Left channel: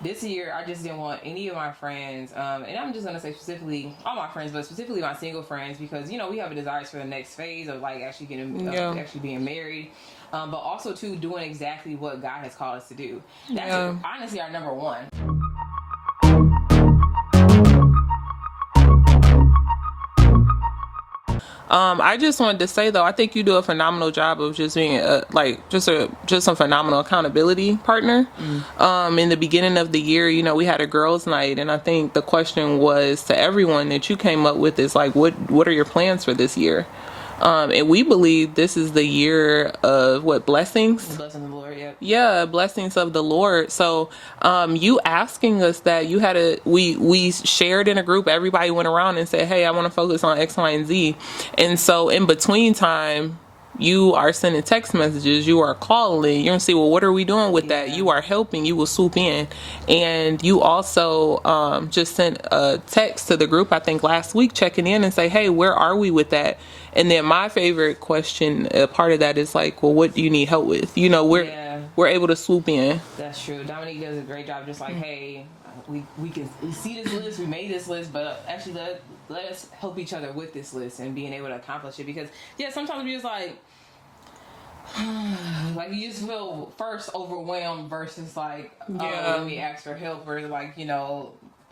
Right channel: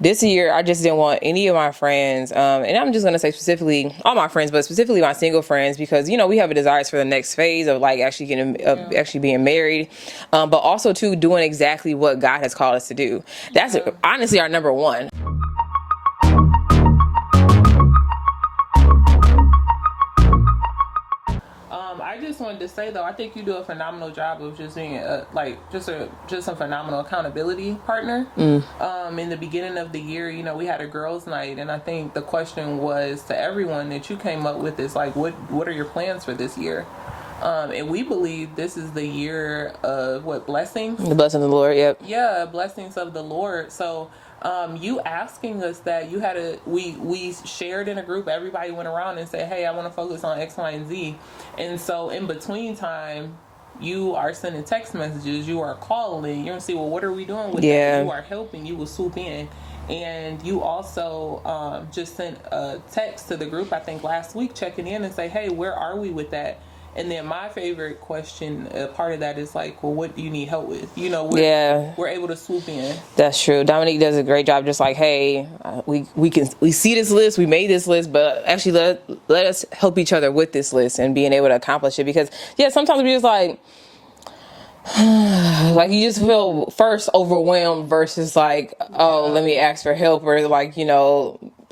this year I just didn't want any of my friends, and I'm just gonna say specifically all my friends, but specifically my single friends, because we have a desire for the next phase of like actually getting actually being married, but also too doing exactly what God has called us to do. That's honestly our number one. I just wanted to say though, I think you do a phenomenal job of just being just a phenomenal accountability partner. In the beginning of the year, we had a girls' night, and I think the question was to everyone that you came up with is like, what are your plans for this year? And we believe this is the year of blessings? The blessings of the Lord, yep. Yeah, blessings of the Lord. So, you asking us that, we shared in a group, everybody went around and said, hey, I want to focus on X, Y, and Z. And so in between time, you are sending text messages, you are calling, you're going to see, well, what are we doing with that? You are helping, you will swoop in. And you also just sent a text to the group, I think last week, checking in and say, hey, where are we with that? And then my favorite question, part of that is like, well, what do you need help with? We're able to swoop in. That's true. Dominique does a great job. Just like, hey, we see this list, we made this list, but actually let us help each other with this list and being able to accomplish it. Because sometimes we just like you just feel first overwhelmed versus like, let me ask for help, or like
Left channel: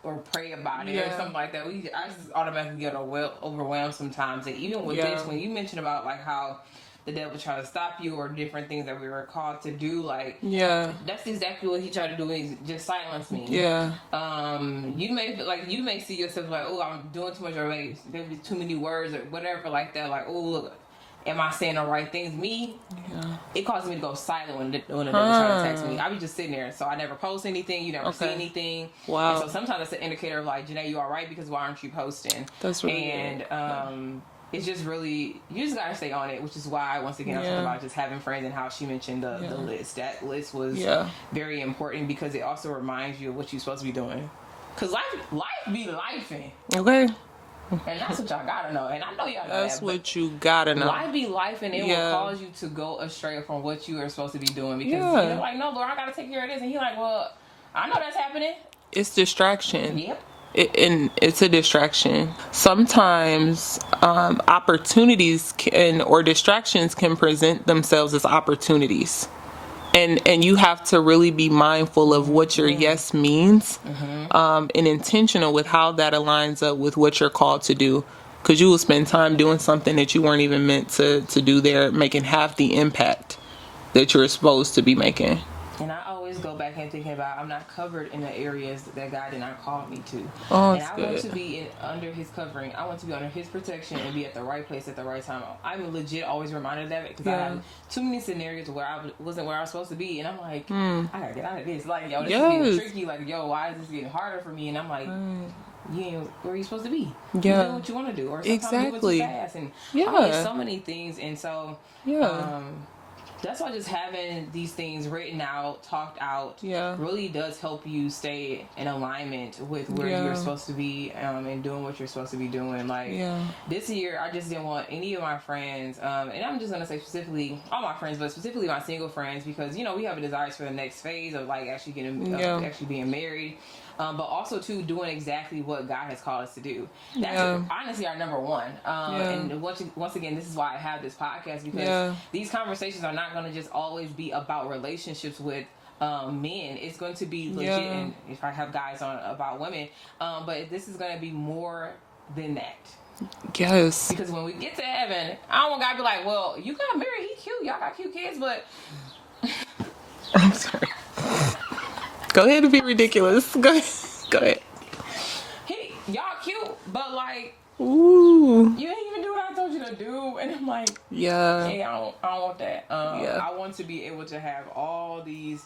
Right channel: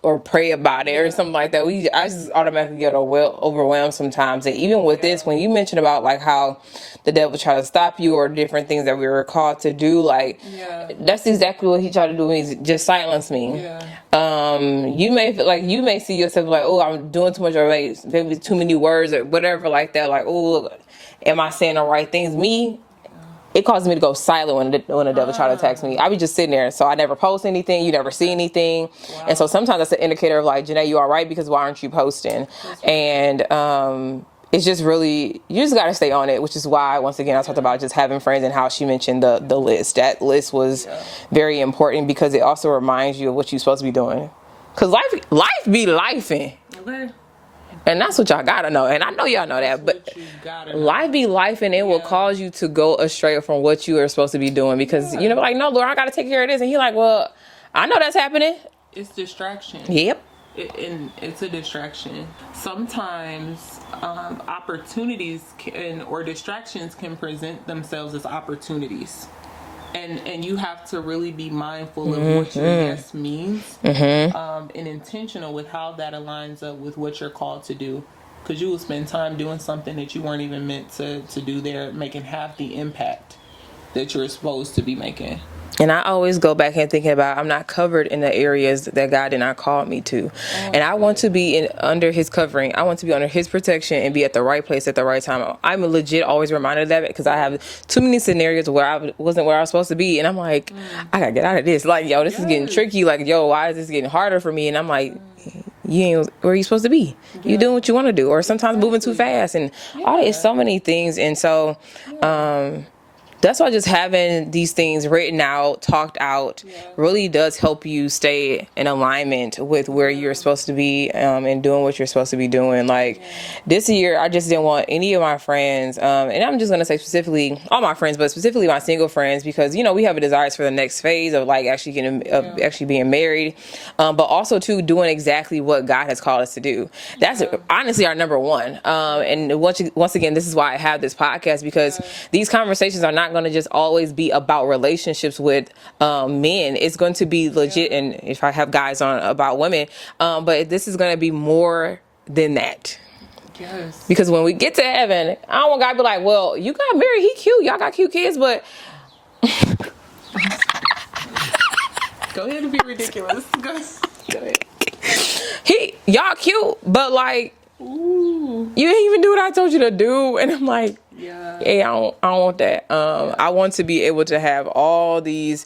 or pray about it or something like that. I just automatically get overwhelmed sometimes. And even with this, when you mentioned about like how the devil tried to stop you or different things that we were called to do, like that's exactly what he tried to do to me, just silence me. You may see yourself like, oh, I'm doing too much, or maybe too many words or whatever like that. Like, oh, am I saying the right things? It caused me to go silent when the devil tried to text me. I be just sitting there, so I never post anything. You never see anything, and so sometimes that's an indicator of like, Janae, you all right? Because why aren't you posting? That's right. And it's just really, you just got to stay on it, which is why once again I talked about just having friends and how she mentioned the list. That list was very important because it also reminds you of what you're supposed to be doing. Cause life be lifing. Okay. And that's what y'all gotta know. And I know y'all know that. But what you gotta know. Life be life, and it will cause you to go astray from what you are supposed to be doing. Because, like, no, Lord, I gotta take care of this. And he like, well, I know that's happening. It's distraction. Yep. And it's a distraction. Sometimes opportunities or distractions can present themselves as opportunities. And you have to really be mindful of what your yes means, and intentional with how that aligns up with what you're called to do. Because you will spend time doing something that you weren't even meant to do there, making half the impact that you're supposed to be making. And I always go back and thinking about, I'm not covered in the areas that God did not call me to. And I want to be under his covering. I want to be under his protection and be at the right place at the right time. I'm legit always reminded of that because I have too many scenarios where I wasn't where I was supposed to be. And I'm like, I got to get out of this. Like, this is getting tricky. Like, why is this getting harder for me? And I'm like, you ain't where you supposed to be. You're doing what you want to do. Or sometimes moving too fast. And it's so many things. And so, that's why just having these things written out, talked out, really does help you stay in alignment with where you're supposed to be, and doing what you're supposed to be doing. Like this year, I just didn't want any of my friends, and I'm just going to say specifically all my friends, but specifically my single friends, because, we have a desire for the next phase of like actually actually being married, but also too doing exactly what God has called us to do. That's honestly our number one. And once again, this is why I have this podcast, because these conversations are not going to just always be about relationships with men. It's going to be legit, and if I have guys on, about women, but this is going to be more than that. Yes. Because when we get to heaven, I don't want God to be like, well, you got married, he cute, y'all got cute kids, but go ahead and be ridiculous. Go ahead. Y'all cute, but like, ooh, you didn't even do what I told you to do. And I'm like, hey, I don't want that. I want to be able to have all these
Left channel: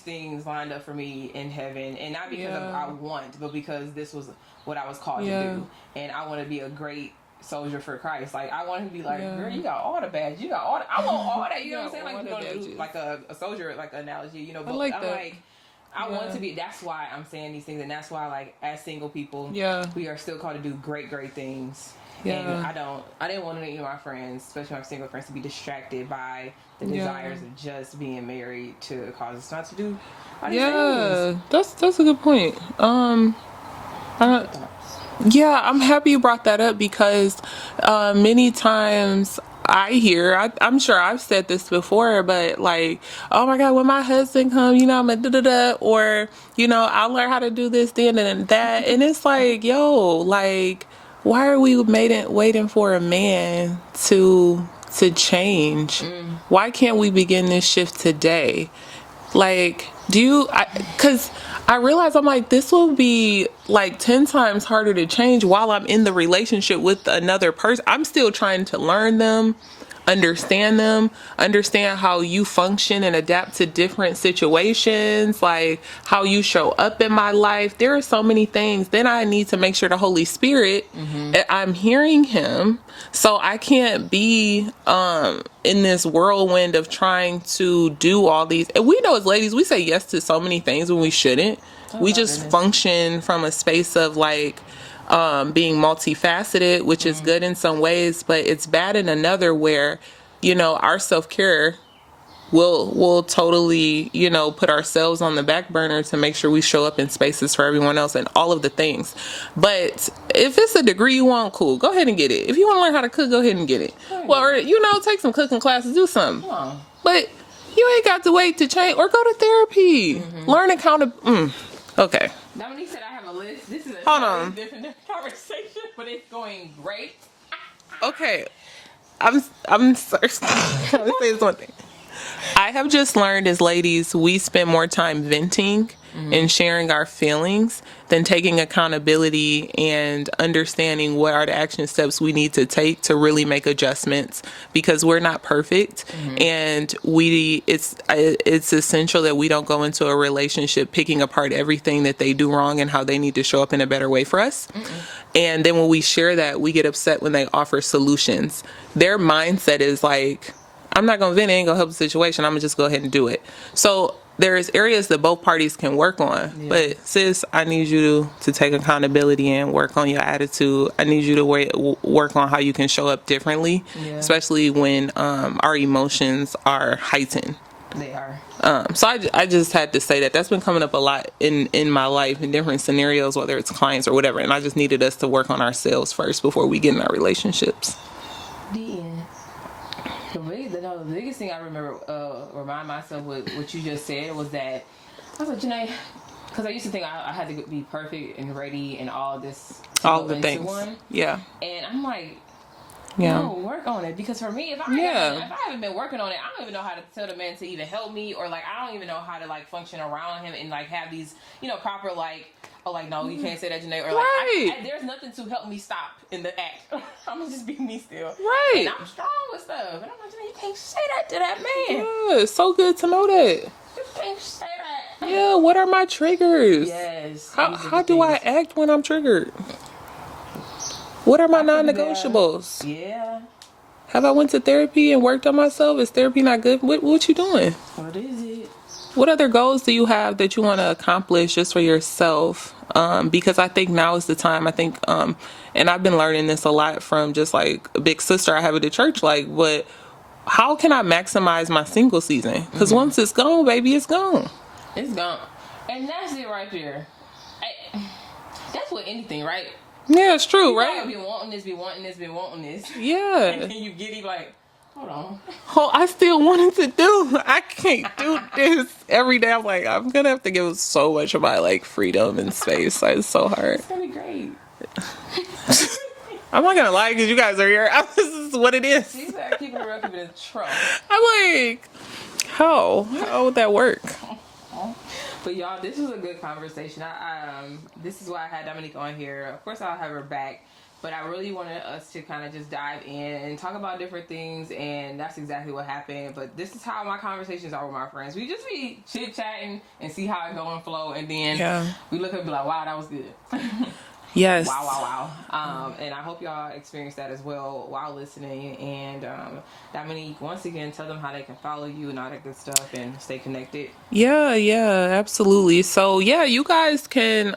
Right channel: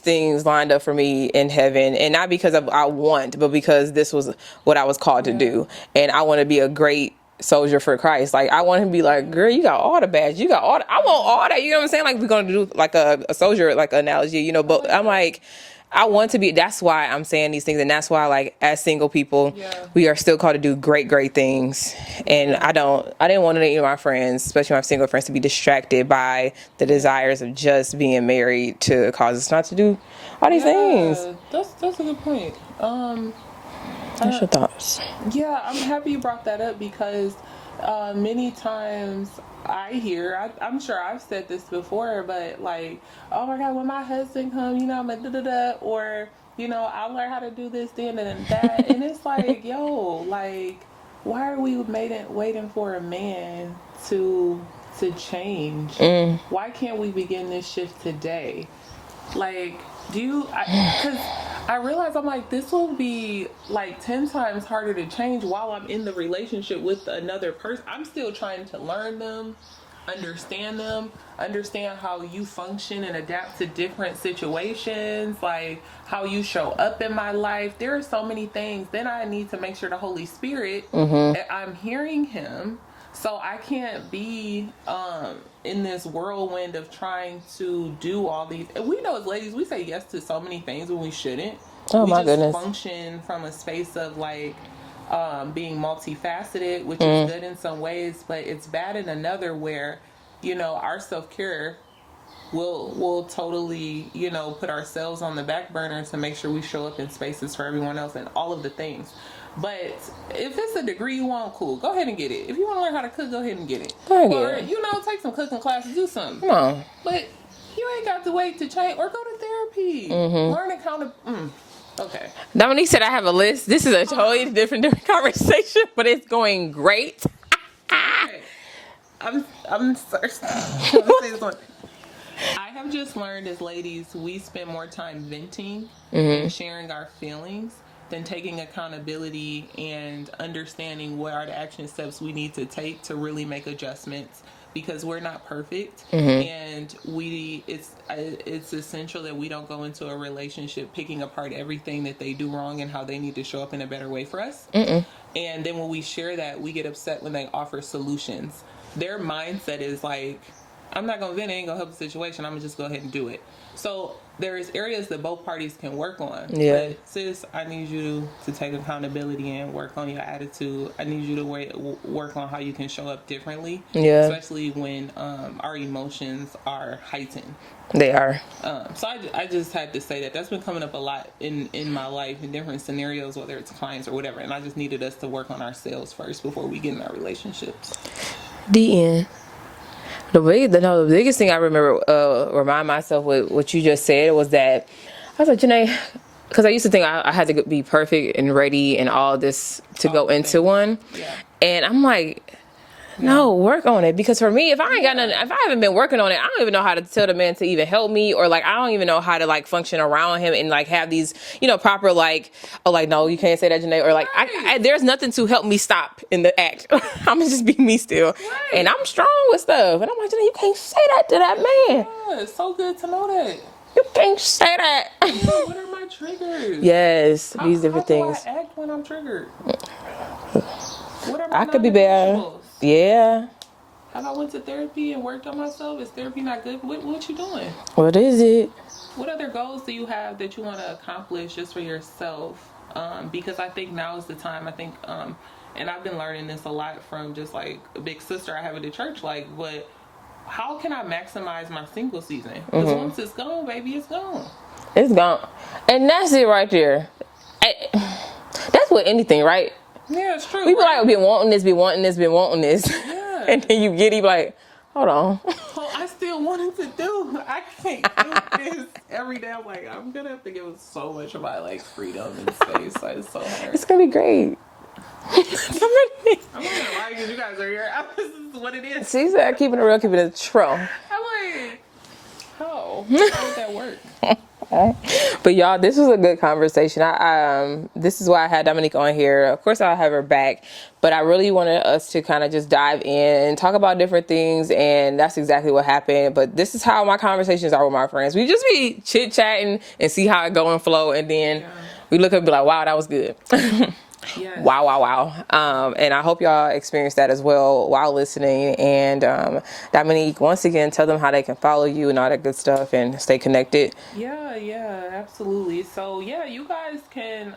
things lined up for me in heaven, and not because I want, but because this was what I was called to do. And I want to be a great soldier for Christ. Like, I want him to be like, girl, you got all the badges, you got all I want all that. You know what I'm saying? Like, we're gonna do like a soldier like analogy, but I'm like, I want to be. That's why I'm saying these things, and that's why, like, as single people, we are still called to do great things. And I didn't want any of my friends, especially my single friends, to be distracted by the desires of just being married to cause us not to do all these things. That's a good point. What's your thoughts? Yeah, I'm happy you brought that up because many times I hear, I'm sure I've said this before, but like, oh my God, when my husband comes, I'm a da-da-da, or, I'll learn how to do this, then and that. And it's like, yo, like, why are we waiting for a man to change? Why can't we begin this shift today? Like, because I realize I'm like, this will be like 10 times harder to change while I'm in the relationship with another person. I'm still trying to learn them, understand how you function and adapt to different situations, like how you show up in my life. There are so many things. Then I need to make sure the Holy Spirit, I'm hearing him. So I can't be in this whirlwind of trying to do all these. And we know as ladies, we say yes to so many things when we shouldn't. We just function from a space of like being multifaceted, which is good in some ways, but it's bad in another where, our self-care we'll totally, put ourselves on the back burner to make sure we show up in spaces for everyone else and all of the things. But if it's a degree you want, cool, go ahead and get it. If you want to learn how to cook, go ahead and get it. Or, take some cooking classes, do something. No. But you ain't got to wait to change or go to therapy. Learn accountability. Okay. Dominique said I have a list. This is a totally different conversation, but it's going great. Okay. I'm sorry. Let me say this one thing. I have just learned as ladies, we spend more time venting and sharing our feelings than taking accountability and understanding what are the action steps we need to take to really make adjustments, because we're not perfect. And it's essential that we don't go into a relationship picking apart everything that they do wrong and how they need to show up in a better way for us. And then when we share that, we get upset when they offer solutions. Their mindset is like, I'm not going to vent, it ain't going to help the situation. I'm going to just go ahead and do it. So there's areas that both parties can work on. Yeah. But sis, I need you to take accountability and work on your attitude. I need you to work on how you can show up differently, especially when our emotions are heightened. They are. So I just had to say that. That's been coming up a lot in my life in different scenarios, whether it's clients or whatever. And I just needed us to work on ourselves first before we get in our relationships. The end. The biggest thing I remember remind myself with what you just said was that I was like, Janae, because I used to think I had to be perfect and ready and all this to go into one. Yeah. And I'm like, no, work on it. Because for me, if I ain't got nothing, if I haven't been working on it, I don't even know how to tell the man to even help me, or like I don't even know how to like function around him and like have these, proper like, oh, like, no, you can't say that, Janae, or like there's nothing to help me stop in the act. I'm gonna just be me still. Right. And I'm strong with stuff. And I'm like, Janae, you can't say that to that man. Yeah, it's so good to know that. You can't say that. Yeah, what are my triggers? Yes. How do I act when I'm triggered? What are my non-negotiables? Yeah. Have I went to therapy and worked on myself? Is therapy not good? What you doing? What is it? What other goals do you have that you want to accomplish just for yourself? Because I think now is the time. I think, and I've been learning this a lot from just like a big sister I have at the church. Like, but how can I maximize my single season? Because once it's gone, baby, it's gone. It's gone. And that's it right there. That's with anything, right? Yeah, it's true. People right? Been wanting this. Yeah. And then you get it like, hold on. Oh, I still wanted to do. I can't do this every day. I'm like, I'm going to have to give so much of my like freedom and space. It's so hard. It's going to be great. I'm not going to lie because you guys are here. This is what it is. She said, keeping it real, keeping it true. I'm like, how would that work? But y'all, this was a good conversation. This is why I had Dominique on here. Of course, I'll have her back, but I really wanted us to kind of just dive in and talk about different things, and that's exactly what happened. But this is how my conversations are with my friends. We just be chit-chatting and see how it go and flow, and then we look up and be like, wow, that was good. Yes. Wow. And I hope y'all experience that as well while listening. And Dominique, once again, tell them how they can follow you and all that good stuff and stay connected. Yeah, absolutely. So yeah, you guys can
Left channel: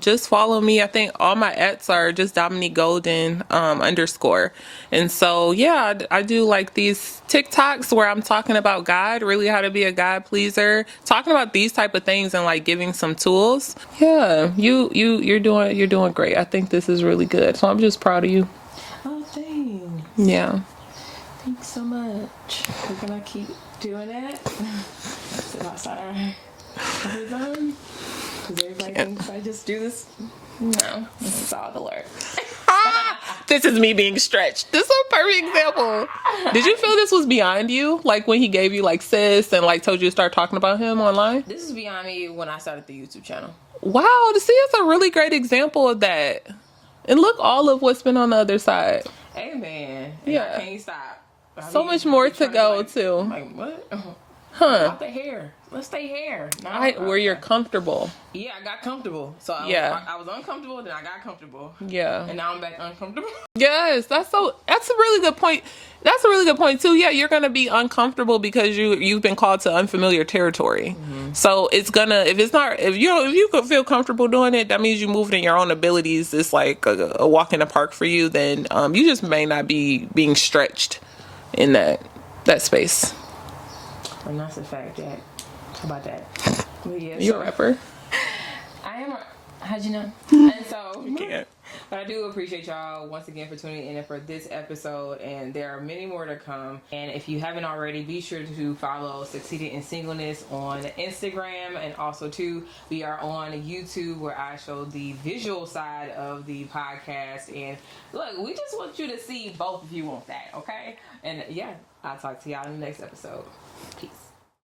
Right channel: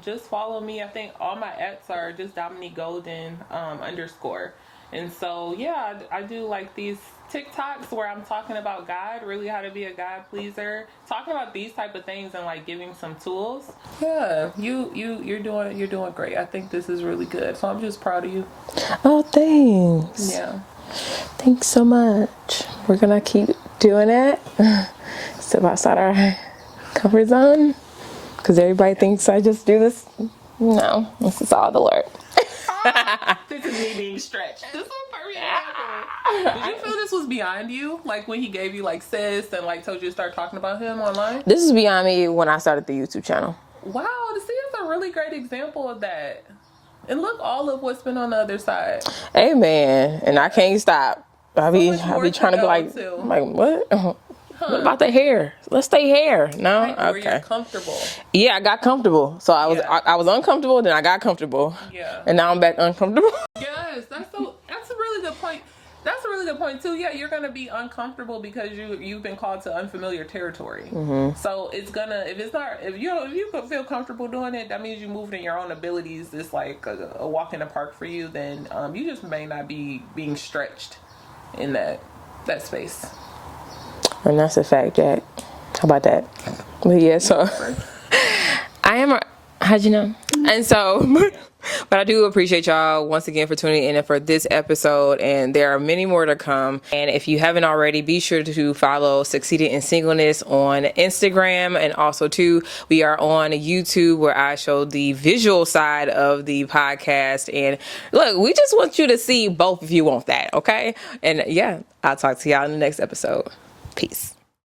just follow me. I think all my @s are just Dominique Golden _. And so yeah, I do like these TikToks where I'm talking about God, really how to be a God pleaser, talking about these type of things and like giving some tools. Yeah, you're doing great. I think this is really good. So I'm just proud of you. Oh, thanks. Yeah. Thanks so much. We're gonna keep doing it. Step outside our comfort zone. Because everybody thinks I just do this. No, this is all the Lord. This is me being stretched. This is a perfect example. Did you feel this was beyond you? Like when he gave you like sis and like told you to start talking about him online? This is beyond me when I started the YouTube channel. Wow, to see it's a really great example of that. And look all of what's been on the other side. Amen. And I can't stop. So much more to go too. I'm like, what? About the hair. Let's stay hair. No, right, where you're comfortable. Yeah, I got comfortable. So I was uncomfortable, then I got comfortable. Yeah. And now I'm back uncomfortable. Yes, that's a really good point. That's a really good point too. Yeah, you're gonna be uncomfortable because you've been called to unfamiliar territory. Mm-hmm. So it's gonna if you could feel comfortable doing it, that means you moved in your own abilities. It's like a walk in the park for you. Then you just may not be being stretched in that space. And that's a fact, Jack. How about that? But yeah, so I am. How'd you know? And so, but I do appreciate y'all once again for tuning in for this episode. And there are many more to come. And if you haven't already, be sure to follow Succeeding in Singleness on Instagram. And also, too, we are on YouTube where I show the visual side of the podcast. And look, we just want you to see both if you want that, okay? And yeah, I'll talk to y'all in the next episode. Peace.